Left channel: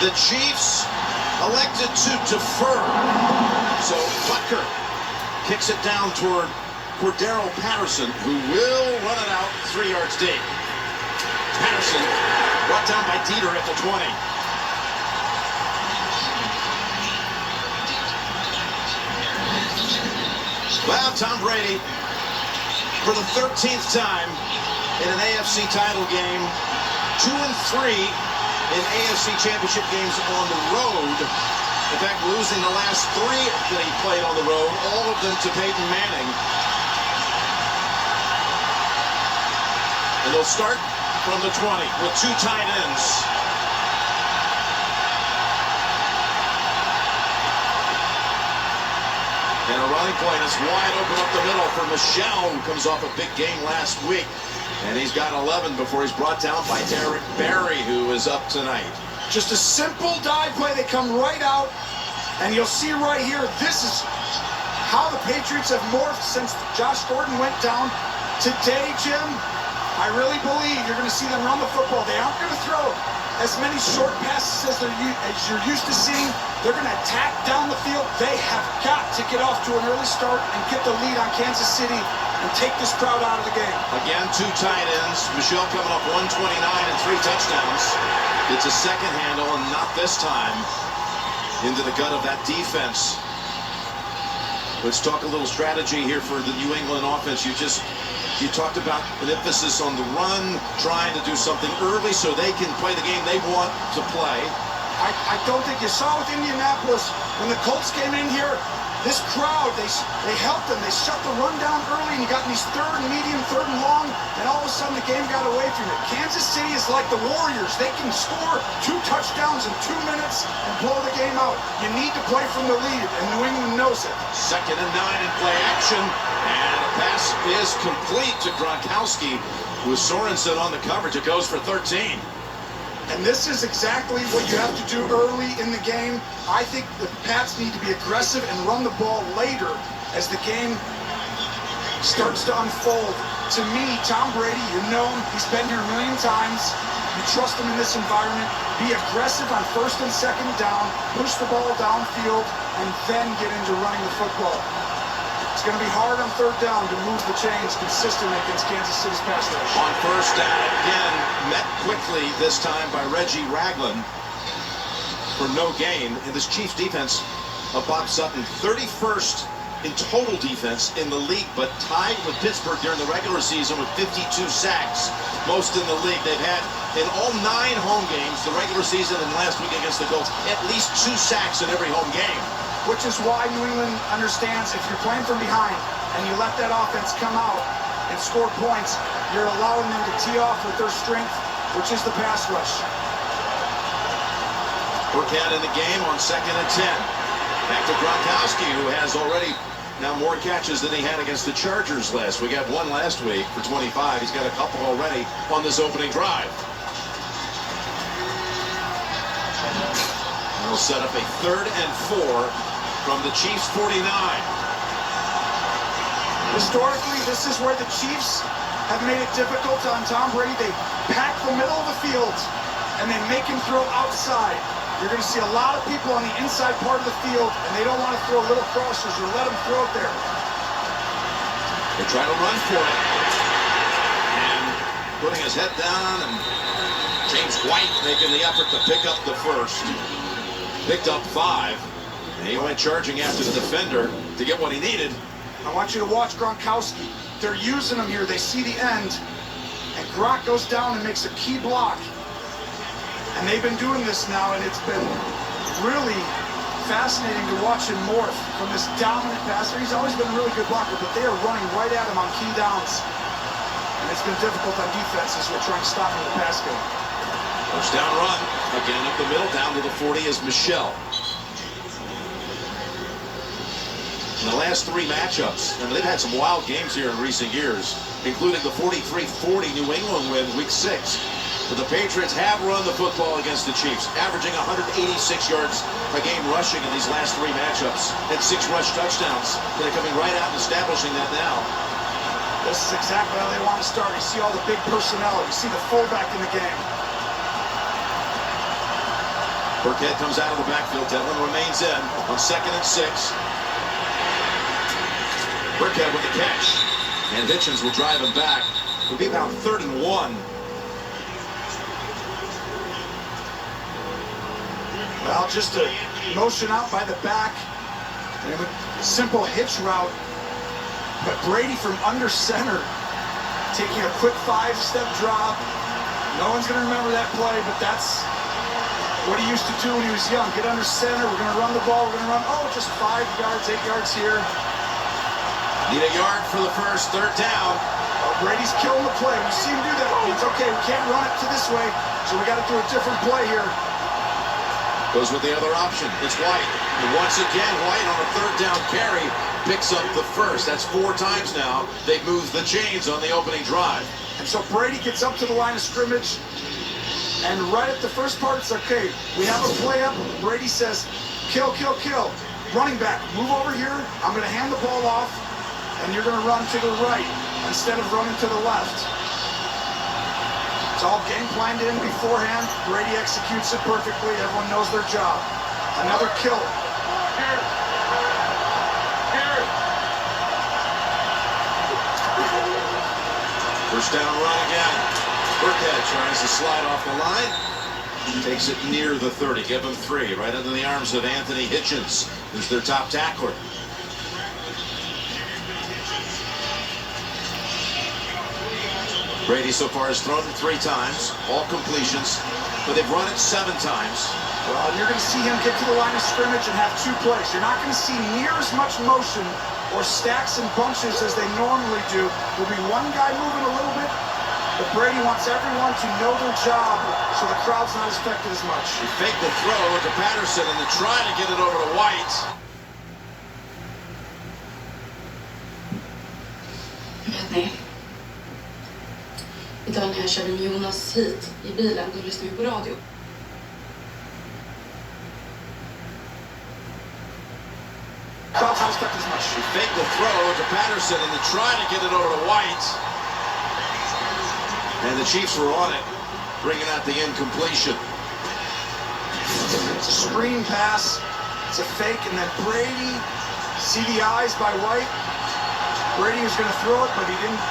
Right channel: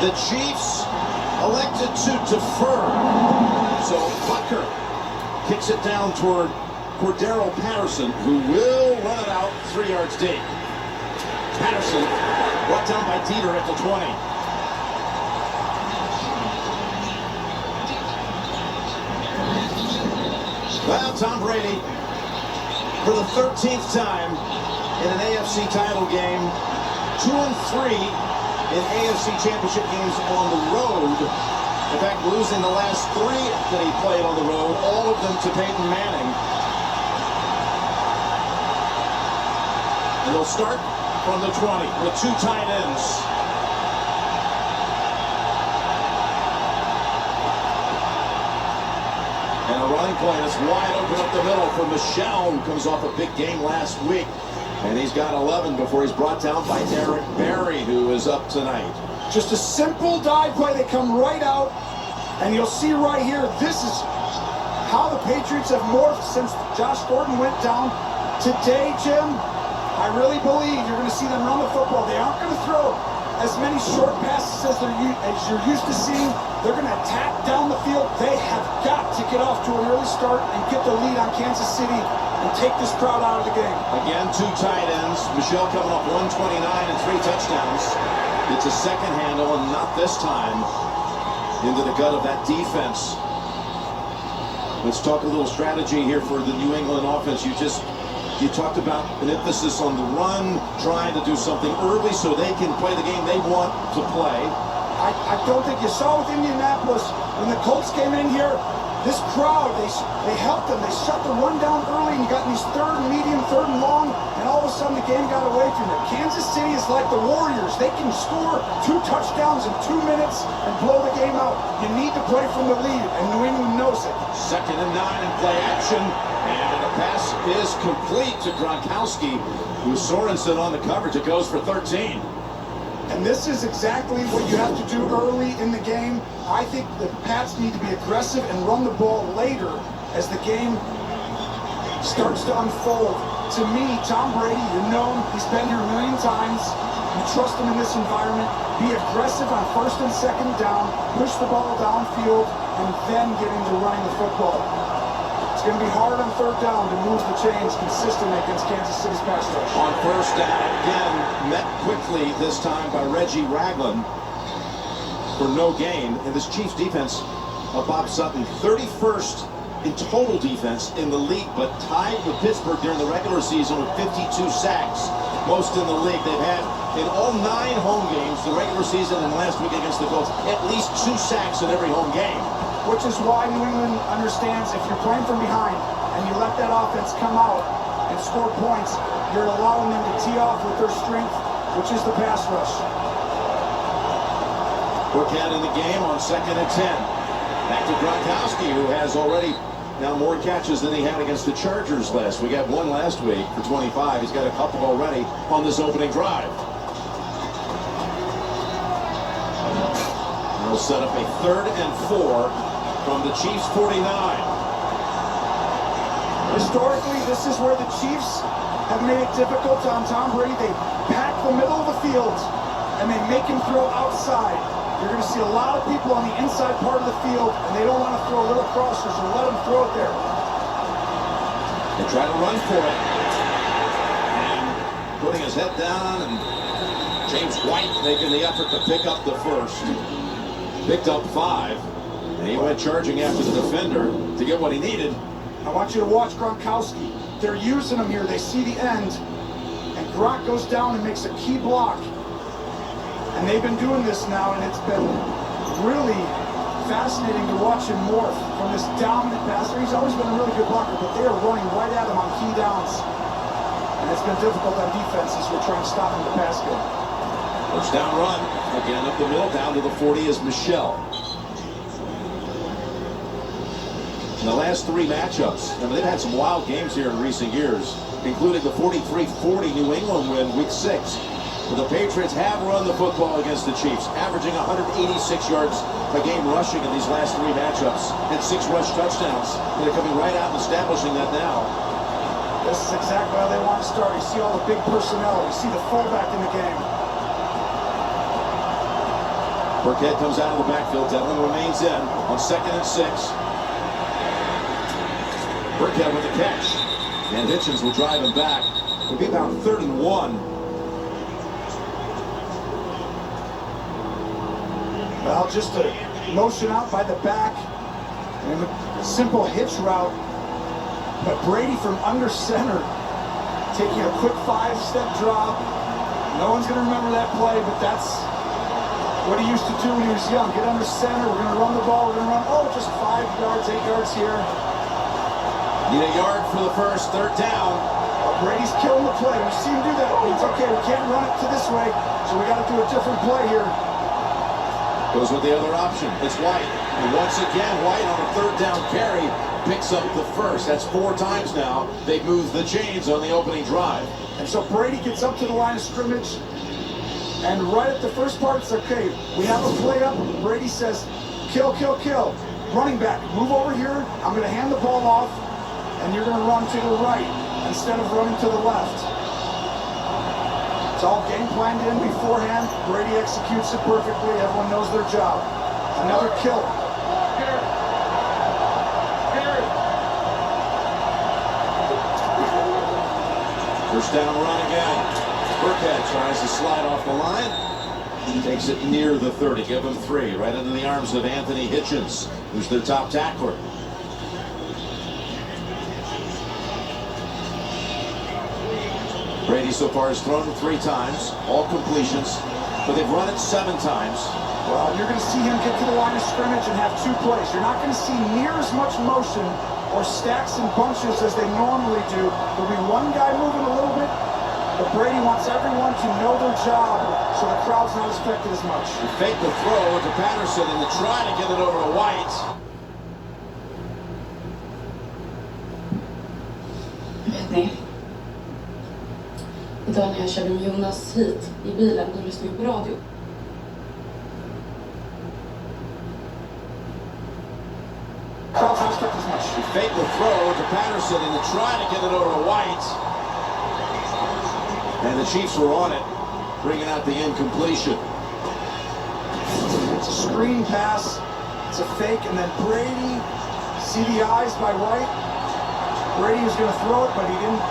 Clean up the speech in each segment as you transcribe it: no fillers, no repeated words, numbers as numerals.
The Chiefs elected to defer. So Butker kicks it down toward Cordero Patterson, who will run it out 3 yards deep. Patterson brought down by Dieter at the 20. Well, Tom Brady, for the 13th time in an AFC title game, 2-3 in AFC championship games on the road. In fact, losing the last 3 that he played on the road, all of them to Peyton Manning. And they'll start from the 20 with 2 tight ends. And a running play that's wide open up the middle for Michel, who comes off a big game last week. And he's got 11 before he's brought down by Eric Berry, who is up tonight. Just a simple dive play. They come right out, and you'll see right here, this is how the Patriots have morphed since Josh Gordon went down. Today, Jim, I really believe you're going to see them run the football. They aren't going to throw as many short passes as you're used to seeing. They're going to attack down the field. They have got to get off to an early start and get the lead on Kansas City and take this crowd out of the game. Again, 2 tight ends. Michel coming up 129 and 3 touchdowns. It's a second handle, and not this time into the gut of that defense. Let's talk a little strategy here for the New England offense. You talked about an emphasis on the run, trying to do something early so they can play the game they want to play. I don't think you saw with Indianapolis when the Colts came in here. This crowd, they helped them. They shut the run down early, and you got in these 3rd and medium, 3rd and long, and all of a sudden the game got away from it. Kansas City is like the Warriors. They can score 2 touchdowns in 2 minutes and blow the game out. You need to play from the lead, and New England knows it. 2nd and 9 in play action, and a pass is complete to Gronkowski, with Sorensen on the coverage. It goes for 13. And this is exactly what you have to do early in the game. I think the Pats need to be aggressive and run the ball later as the game starts to unfold. To me, Tom Brady, you know him. He's been here a million times. You trust him in this environment. Be aggressive on 1st and 2nd down. Push the ball downfield and then get into running the football. It's going to be hard on 3rd down to move the chains consistently against Kansas City's pass rush. On 1st down, again, met quickly this time by Reggie Ragland for no gain. And this Chiefs defense of Bob Sutton, 31st in total defense in the league, but tied with Pittsburgh during the regular season with 52 sacks. Most in the league. They've had, in all 9 home games, the regular season and last week against the Colts, at least 2 sacks in every home game. Which is why New England understands if you're playing from behind and you let that offense come out and score points, you're allowing them to tee off with their strength, which is the pass rush. Burkhead in the game on 2nd and 10. Back to Gronkowski, who has already now more catches than he had against the Chargers last week. He had 1 last week for 25. He's got a couple already on this opening drive. They'll set up a 3rd and 4 from the Chiefs' 49. Historically, this is where the Chiefs have made it difficult on Tom Brady. They pack the middle of the field, and they make him throw outside. You're going to see a lot of people on the inside part of the field, and they don't want to throw little crossers or let him throw it there. They try to run for it. And putting his head down, and James White making the effort to pick up the 1st. Picked up 5. And he went charging after the defender to get what he needed. I want you to watch Gronkowski. They're using him here. They see the end. And Gronk goes down and makes a key block. And they've been doing this now, and it's been really fascinating to watch him morph from this dominant passer. He's always been a really good blocker, but they are running right at him on key downs. And it's been difficult on defense as we're trying to stop him in the pass game. 1st down run. Again up the middle, down to the 40 is Michel. In the last 3 matchups, I mean, they've had some wild games here in recent years, including the 43-40 New England win week 6. But the Patriots have run the football against the Chiefs, averaging 186 yards a game rushing in these last 3 matchups, and 6 rush touchdowns. They're coming right out and establishing that now. This is exactly how they want to start. You see all the big personnel. You see the fullback in the game. Burkhead comes out of the backfield. Devlin remains in on 2nd and 6. Burkhead with the catch. And Hitchens will drive him back. It'll be about 31. Well, just a motion out by the back. And a simple hitch route. But Brady from under center, taking a quick 5-step drop. No one's going to remember that play, but that's what he used to do when he was young. Get under center, we're going to run the ball, we're going to run, oh, just 5 yards, 8 yards here. Need a yard for the first, 3rd down. Oh, Brady's killing the play. We see him do that. It's okay, we can't run it to this way, so we got to do a different play here. Goes with the other option. It's White. And once again, White on a 3rd down carry picks up the first. That's 4 times now they've moved the chains on the opening drive. And so Brady gets up to the line of scrimmage, and right at the first part, it's okay. We have a play up. Brady says, kill, kill, kill. Running back, move over here. I'm going to hand the ball off, and you're going to run to the right instead of running to the left. It's all game planned in beforehand. Brady executes it perfectly. Everyone knows their job. Another kill. First down run again. Burkhead tries to slide off the line. Takes it near the 30. Give him 3. Right into the arms of Anthony Hitchens, who's their top tackler. Brady so far has thrown 3 times, all completions, but they've run it 7 times. Well, you're going to see him get to the line of scrimmage and have 2 plays. You're not going to see near as much motion or stacks and bunches as they normally do. There'll be one guy moving a little bit, but Brady wants everyone to know their job so the crowd's not affected as much. He faked the throw to Patterson and to try to get it over to White. Vet ni, idag när jag körde med Jonas hit i bilen, då lyssnade vi på radio. Crowd's not affected as much. He faked the throw to Patterson and to try to get it over to White. And the Chiefs were on it, bringing out the incompletion. It's a screen pass. It's a fake, and then Brady, see the eyes by White? Brady was going to throw it, but he didn't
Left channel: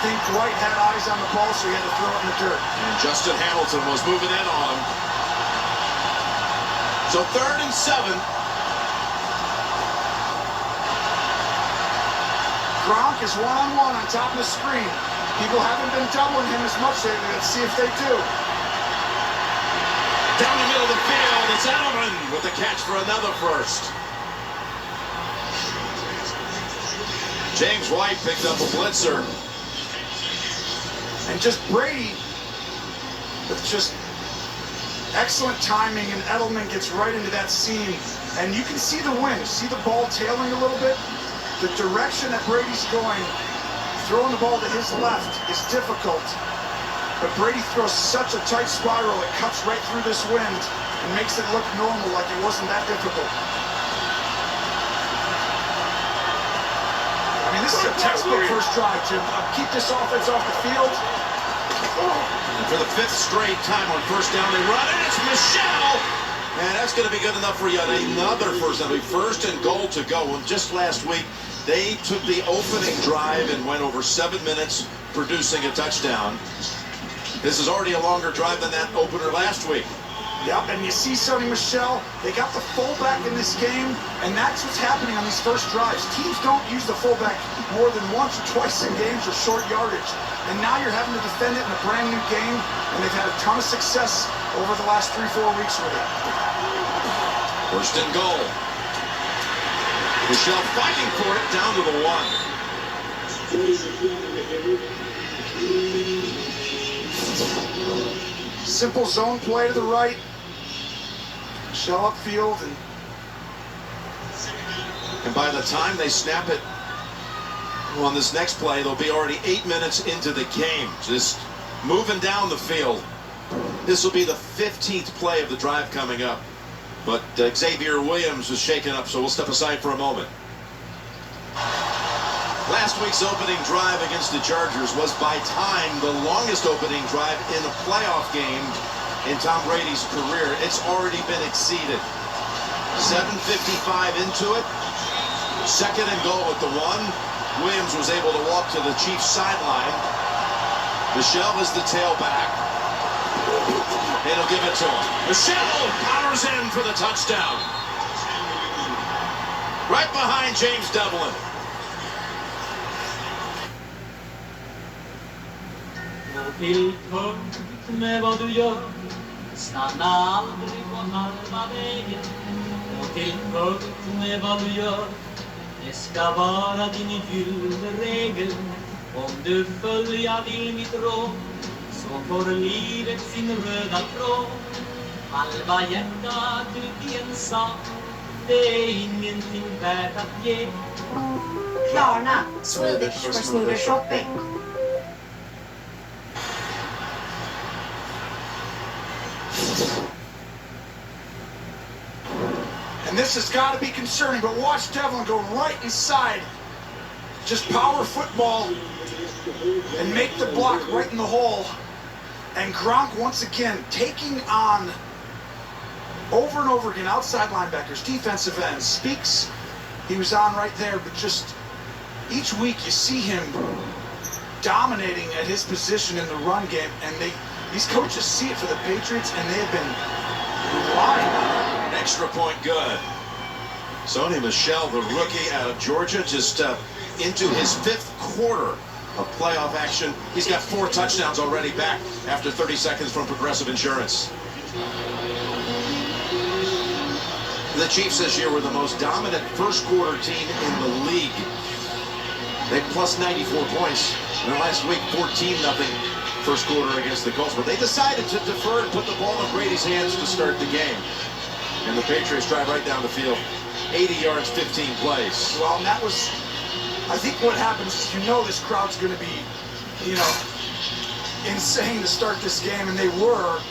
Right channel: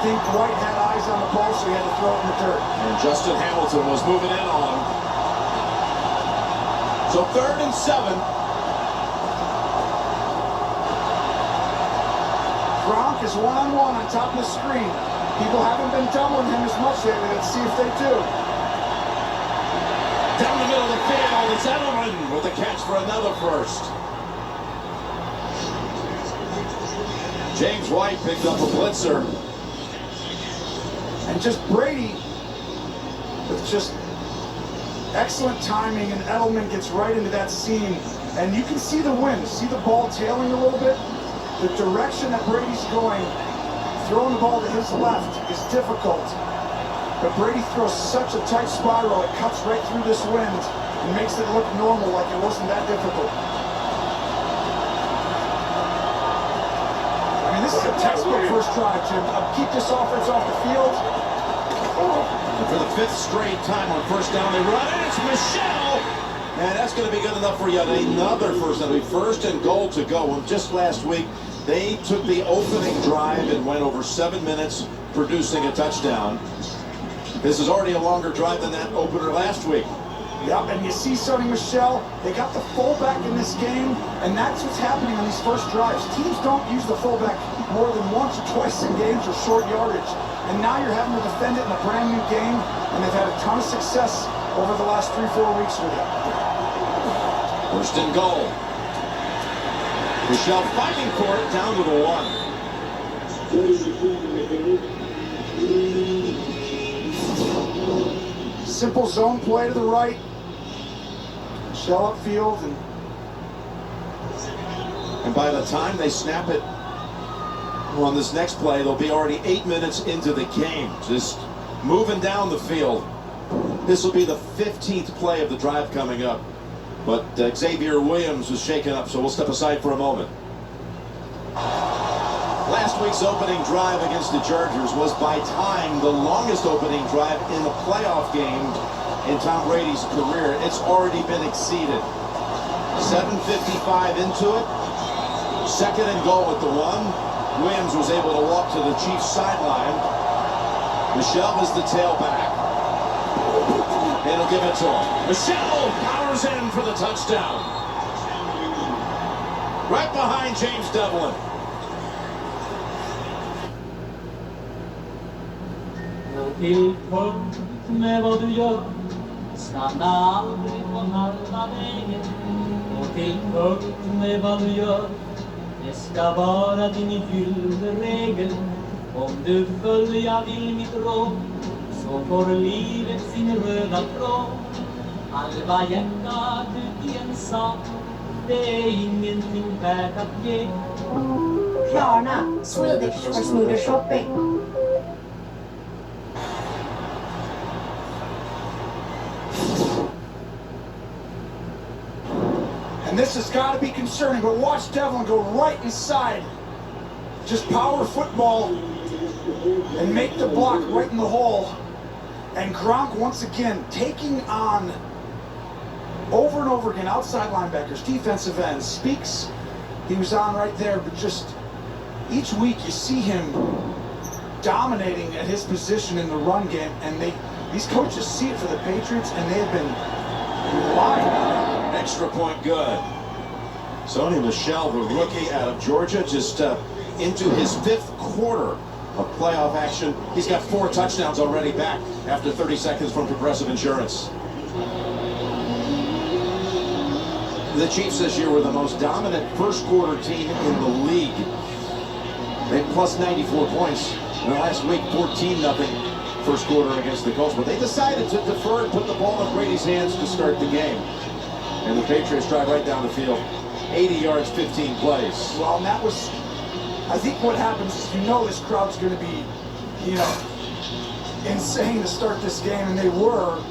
think White had eyes on the ball, so he had to throw it in the dirt. And Justin Hamilton was moving in on him. So 3rd and 7. Gronk is one-on-one on top of the screen. People haven't been doubling him as much lately. Let's see if they do. Down the middle of the field, it's Edelman with the catch for another first. James White picked up a blitzer. And just Brady with just excellent timing, and Edelman gets right into that seam. And you can see the wind, see the ball tailing a little bit. The direction that Brady's going, throwing the ball to his left is difficult. But Brady throws such a tight spiral, it cuts right through this wind and makes it look normal, like it wasn't that difficult. I mean, this is a textbook first drive, Jim. Keep this offense off the field. And for the 5th straight time on first down, they run it. It's Michelle. And that's going to be good enough for yet another first down. 1st and goal to go. And just last week, they took the opening drive and went over 7 minutes, producing a touchdown. This is already a longer drive than that opener last week. Yep, and you see Sonny Michel, they got the fullback in this game, and that's what's happening on these first drives. Teams don't use the fullback more than once or twice in games or short yardage. And now you're having to defend it in a brand new game, and they've had a ton of success over the last 3-4 weeks with it. 1st and goal. Michel fighting for it down to the 1. Simple zone play to the right. Michel upfield, and by the time they snap it on this next play, they'll be already 8 minutes into the game. Just moving down the field. This will be the 15th play of the drive coming up. But Xavier Williams was shaken up, so we'll step aside for a moment. Last week's opening drive against the Chargers was by time the longest opening drive in a playoff game in Tom Brady's career. It's already been exceeded. 7:55 into it. Second and goal at the 1. Williams was able to walk to the Chiefs sideline. Michelle is the tailback. And he'll give it to him. Michelle powers in for the touchdown. Right behind James Devlin. Gå till punkt med vad du gör. Stanna aldrig på halva vägen. Gå till punkt med vad du gör. Det ska vara din gyllene regel. Om du följa vill mitt råd, så får livet sin röda tråd. Halva hjärtat ut i en sak, det är ingenting värt att ge. Klarna, Swedish for smoother shopping. And this has got to be concerning, but watch Devlin go right inside. Just power football and make the block right in the hole. And Gronk once again taking on over and over again outside linebackers, defensive ends. Speaks, he was on right there, but just each week you see him dominating at his position in the run game, and these coaches see it for the Patriots, and they've been relying on it. An extra point good. Sony Michel, the rookie out of Georgia, just into his 5th quarter of playoff action. He's got 4 touchdowns already back after 30 seconds from Progressive Insurance. The Chiefs this year were the most dominant first quarter team in the league. They plus 94 points. And last week, 14-0 first quarter against the Colts. But they decided to defer and put the ball in Brady's hands to start the game. And the Patriots drive right down the field. 80 yards, 15 plays. Well, and that was, I think what happens is this crowd's going to be, insane to start this game, and they were.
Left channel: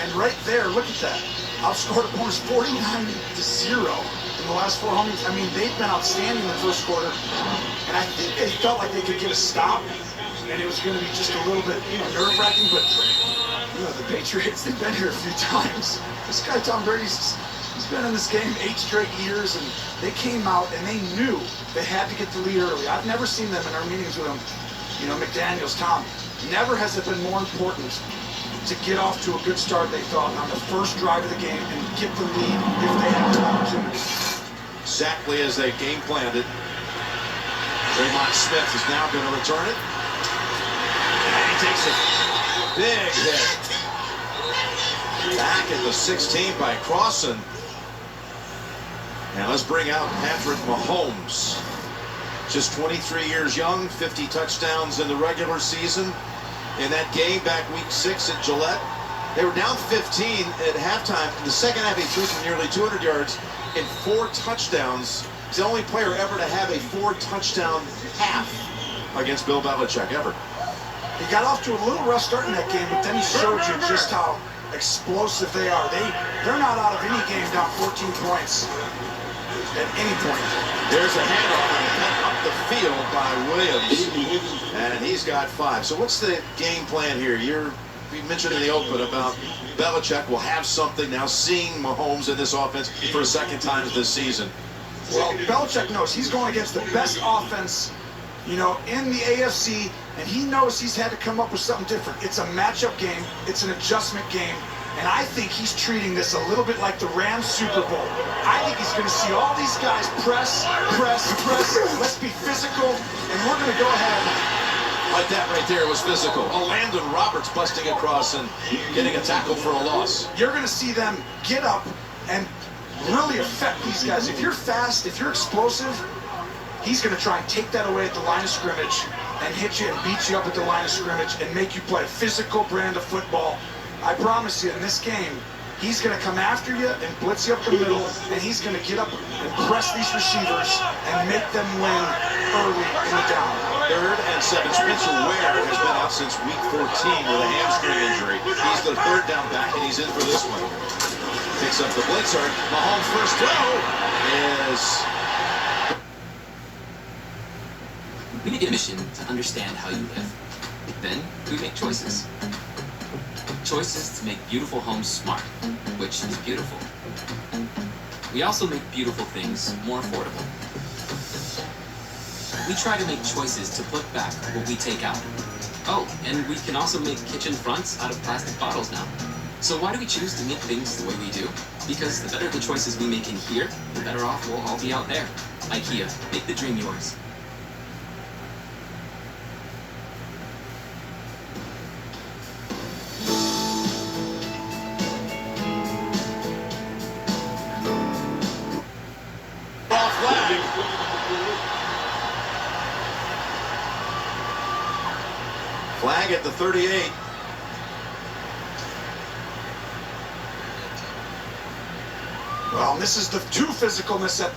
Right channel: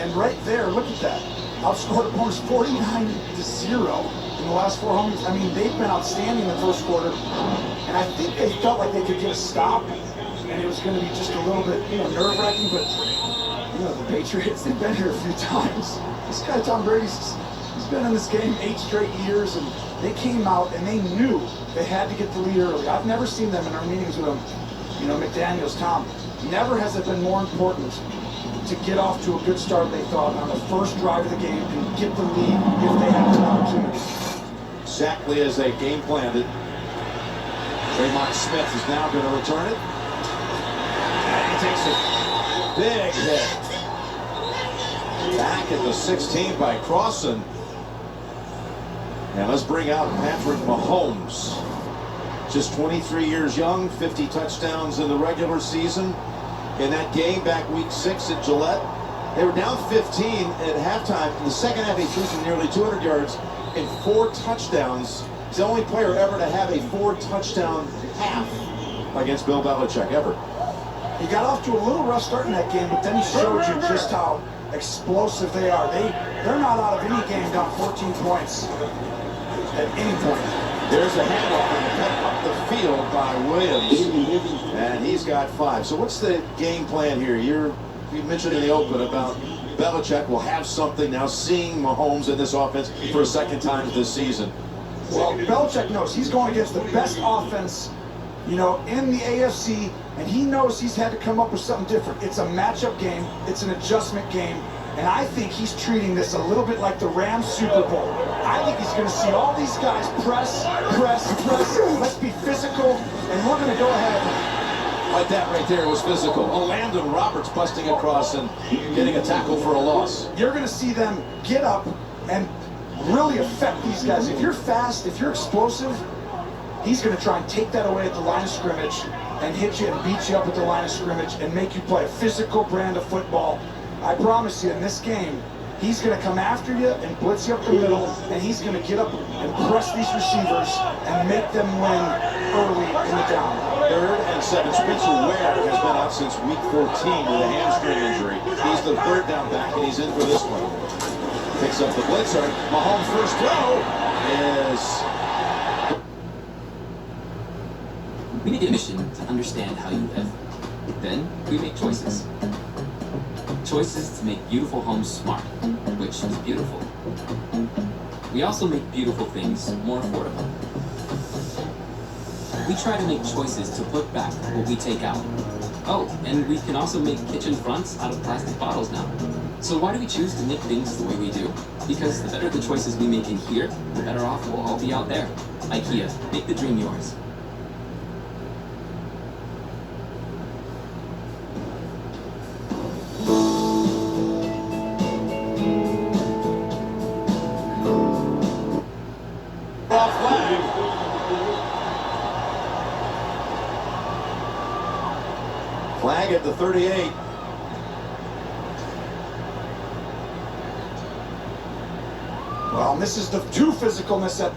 And right there, look at that. Outscored opponents 49-0 in the last 4 home games. I mean, they've been outstanding in the first quarter. And I think they felt like they could get a stop, and it was going to be just a little bit, nerve-wracking. But, the Patriots, they've been here a few times. This guy, Tom Brady, he's been in this game 8 straight years, and they came out and they knew they had to get the lead early. I've never seen them in our meetings with them, McDaniels, Tom. Never has it been more important to get off to a good start, they thought, on the first drive of the game and get the lead if they had the opportunity. Exactly as they game planned it. Draymond Smith is now going to return it. And he takes a big hit. Back at the 16 by Crossan. And let's bring out Patrick Mahomes. Just 23 years young, 50 touchdowns in the regular season. In that game back week 6 at Gillette, they were down 15 at halftime. In the second half, he threw for nearly 200 yards and 4 touchdowns. He's the only player ever to have a 4-touchdown half against Bill Belichick ever. He got off to a little rough start in that game, but then he showed you just how explosive they are. They're not out of any game down 14 points at any point. There's a handoff and cut up the field by Williams, and he's got 5. So what's the game plan here? You mentioned in the open about Belichick will have something now, seeing Mahomes in this offense for a second time this season. Well, Belichick knows he's going against the best offense, in the AFC, and he knows he's had to come up with something different. It's a matchup game. It's an adjustment game. And I think he's treating this a little bit like the Rams Super Bowl. I think he's going to see all these guys press. Let's be physical, and we're going to go ahead. Like that right there was physical. Landon Roberts busting across and getting a tackle for a loss. You're going to see them get up and really affect these guys. If you're fast, if you're explosive, he's going to try and take that away at the line of scrimmage and hit you and beat you up at the line of scrimmage and make you play a physical brand of football. I promise you, in this game, he's going to come after you and blitz you up the middle, and he's going to get up and press these receivers and make them win early in the down. 3rd and 7. Spencer Ware has been out since week 14 with a hamstring injury. He's the 3rd down back, and he's in for this one. Picks up the blitzer. Mahomes' first throw is... We make it a mission to understand how you live. Then we make choices. choices to make beautiful homes smart, which is beautiful. We also make beautiful things more affordable. We try to make choices to put back what we take out. Oh, and we can also make kitchen fronts out of plastic bottles now. So why do we choose to make things the way we do? Because the better the choices we make in here, the better off we'll all be out there. IKEA, make the dream yours. Flag at the 38. Well, this is the too physicalness at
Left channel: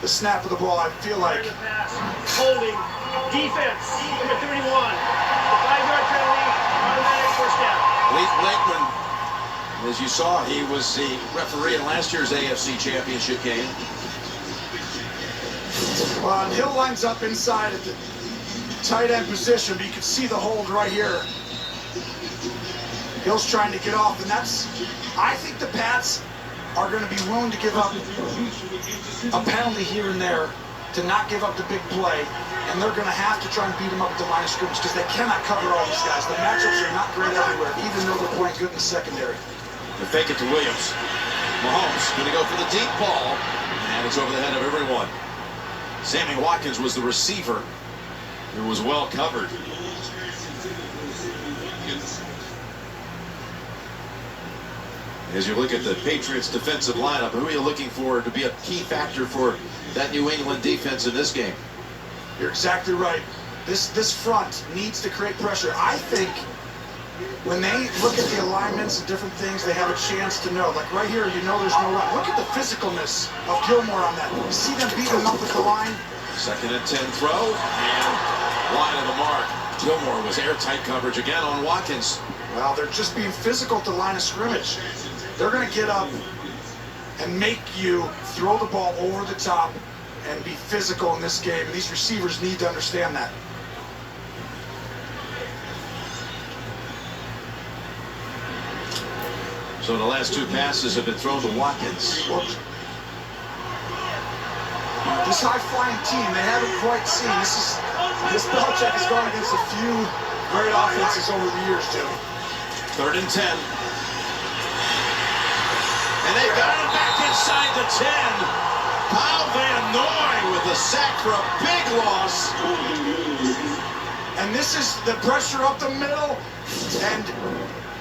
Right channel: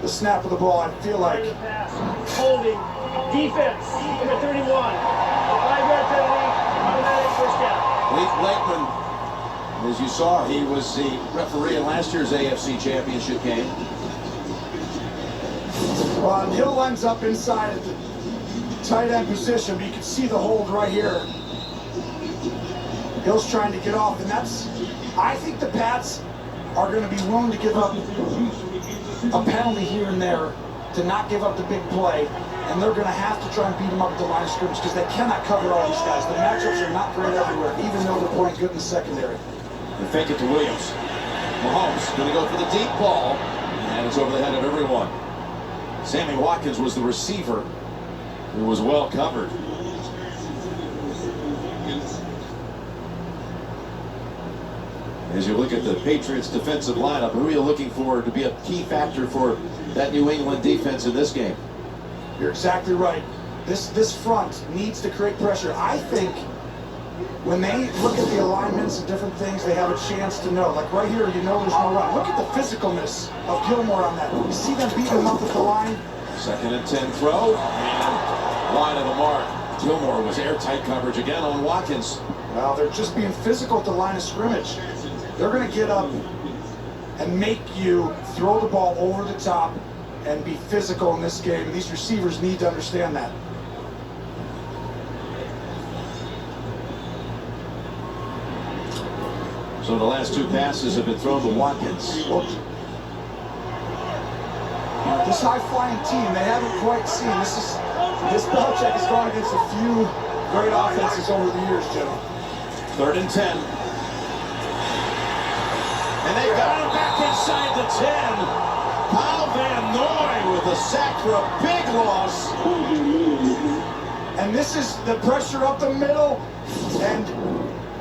the snap of the ball, I feel like. Holding. Defense. Number 31. 5-yard penalty. Automatic first down. Lee Blakeman, as you saw, he was the referee in last year's AFC Championship game. Well, and Hill lines up inside at the tight end position, but you can see the hold right here. Hill's trying to get off, and I think the Pats are going to be willing to give up a penalty here and there to not give up the big play, and they're going to have to try and beat them up at the line of scrimmage because they cannot cover all these guys. The matchups are not great everywhere, even though they're playing good in the secondary. They fake it to Williams. Mahomes going to go for the deep ball, and it's over the head of everyone. Sammy Watkins was the receiver. It was well covered. As you look at the Patriots defensive lineup, who are you looking for to be a key factor for that New England defense in this game? You're exactly right. This front needs to create pressure. I think when they look at the alignments and different things, they have a chance to know. Like right here, you know there's no run. Look at the physicalness of Gilmore on that. You see them beat him up at the line. 2nd and 10 throw, and wide of the mark. Gilmore was airtight coverage again on Watkins. Well, they're just being physical at the line of scrimmage. They're going to get up and make you throw the ball over the top and be physical in this game. And these receivers need to understand that. So the last 2 passes have been thrown to Watkins. This high-flying team, they haven't quite seen. This Belichick has gone against a few great offenses over the years, Jim. 3rd and 10. And they got him back inside the 10. Kyle Van Noy with a sack for a big loss. And this is the pressure up the middle. And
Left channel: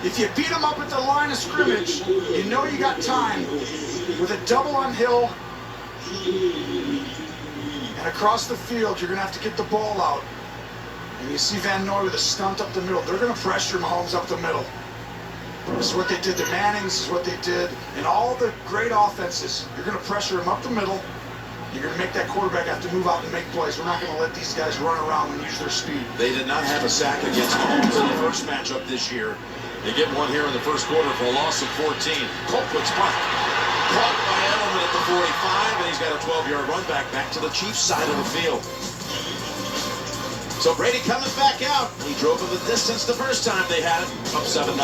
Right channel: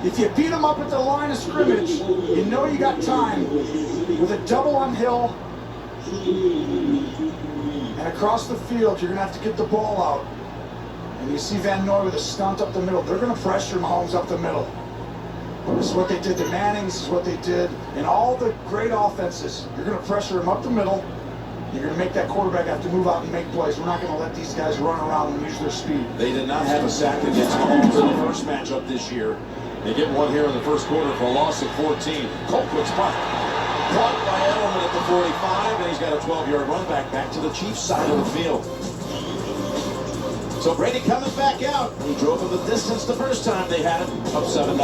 if you beat them up at the line of scrimmage, you know you got time. With a double on Hill and across the field, you're going to have to get the ball out. And you see Van Noy with a stunt up the middle. They're going to pressure Mahomes up the middle. This is what they did to Manning. This is what they did in all the great offenses. You're going to pressure him up the middle. You're going to make that quarterback have to move out and make plays. We're not going to let these guys run around and use their speed. They did not have a sack against Mahomes in the first matchup this year. They get one here in the first quarter for a loss of 14. Colquitt's block. Caught by Edelman at the 45, and he's got a 12-yard run back to the Chiefs side of the field. So Brady coming back out. He drove him the distance the first time they had it, up 7-0.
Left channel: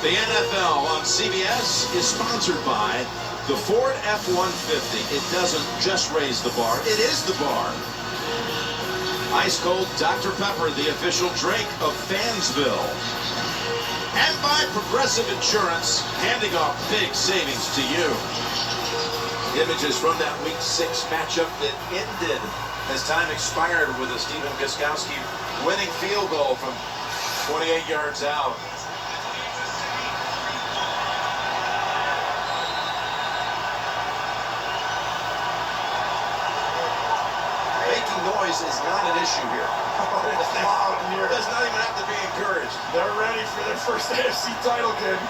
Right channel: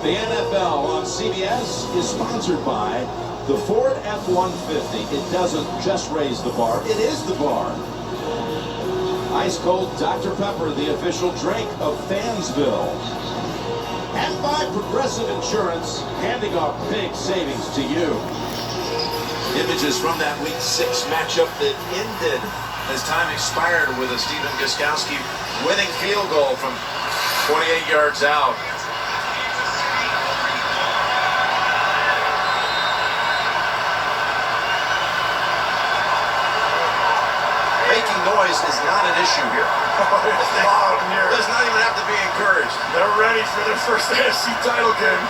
The NFL on CBS is sponsored by the Ford F-150. It doesn't just raise the bar, it is the bar. Ice cold Dr. Pepper, the official drink of Fansville. And by Progressive Insurance, handing off big savings to you. Images from that Week 6 matchup that ended as time expired with a Stephen Gostkowski winning field goal from 28 yards out. Making noise is not an issue here. It's loud in here. Does not even have to be encouraged. They're ready for their first AFC title game.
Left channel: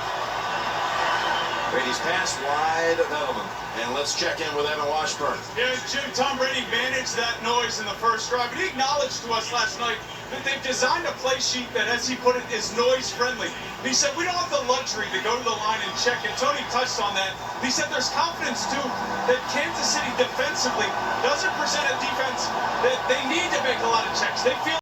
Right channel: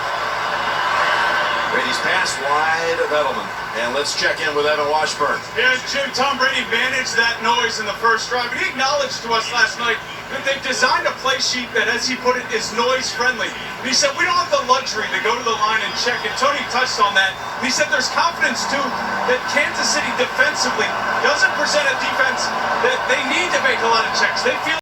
Brady's pass wide of Edelman. And let's check in with Evan Washburn. Yeah, Jim, Tom Brady managed that noise in the first drive, but he acknowledged to us last night that they've designed a play sheet that, as he put it, is noise-friendly. And he said, we don't have the luxury to go to the line and check it. Tony touched on that. And he said there's confidence, too, that Kansas City defensively doesn't present a defense that they need to make a lot of checks. They feel